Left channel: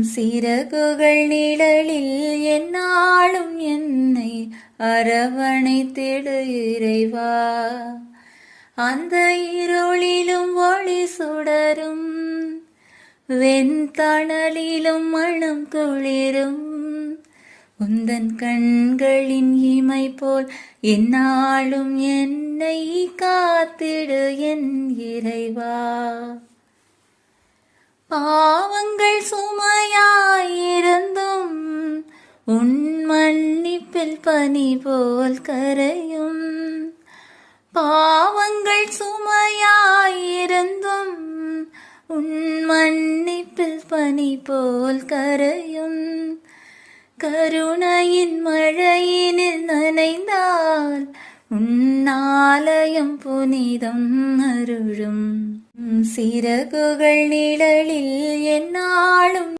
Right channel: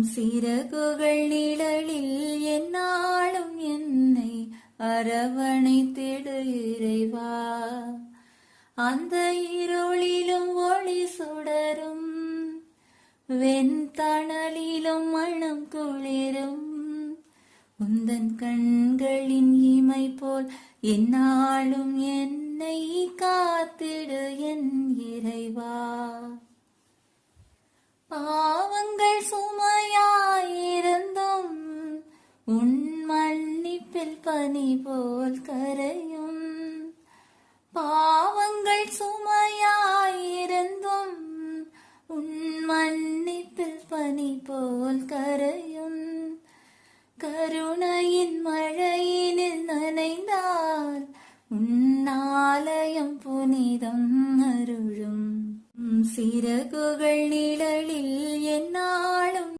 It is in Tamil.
சிறகுகள் நிழலில் எந்நாளும் என்னை அரவணைத்திடு இறைவா. அந்த இருளிலும் ஒளி சுடரும் வெண்தணலிலும் மனம் குளிரும் உந்தன் கண்களின் இமை போல் எந்நாளும் என்னை காத்திடு என் இறைவா. பாவங்கள் சுமையாயிருந்தும் உன் மன்னிப்பில் பனி போல் கரையும். பாவங்கள் சுமையாயிருந்தும் உன் மன்னிப்பில் பனி போல் கரையும். கருணையின் மழையினில் நனைந்தால் உன்னாலயம் புனிதம் அருளும். சிறகுகள் நிழலில் எந்நாளும்